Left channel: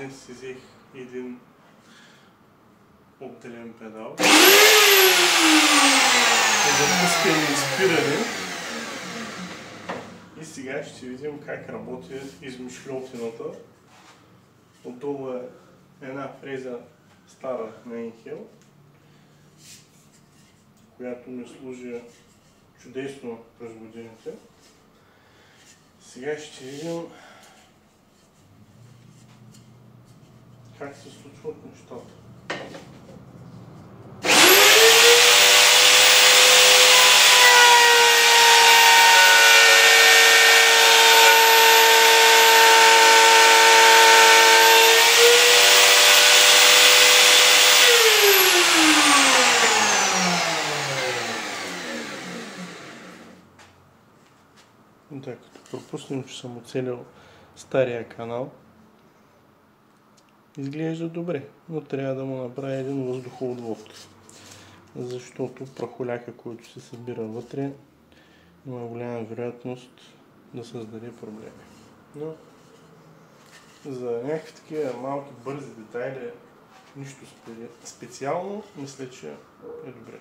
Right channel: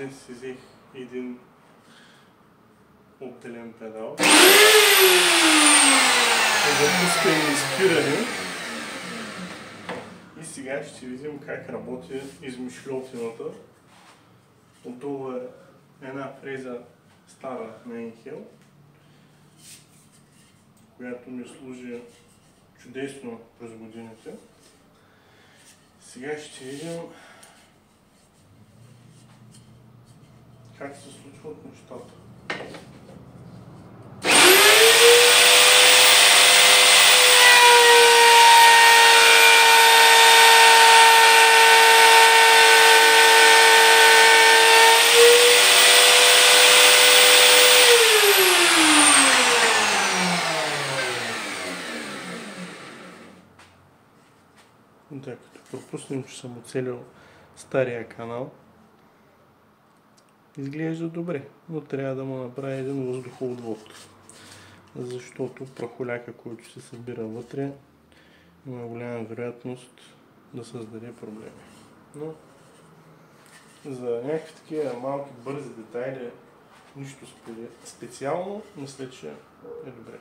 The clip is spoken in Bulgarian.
Днес си взех един отделен педал за пускане и спиране. И сега ще видим как работи измишльотината. Отдолу е една фреза стара на Енхел, която ми служи чудесно през годините. Сега ще видим как се случват нещата. Да, като пропуснем, че съм оцелил стария канал, изглежда добре, но трябва да му направя един въздухоотвод, защото прахоляка, който се събира вътре, има голяма вероятност да създаде проблеми. Но за някакви такива малки бързи детайли, нищо специално, мисля, че е добре.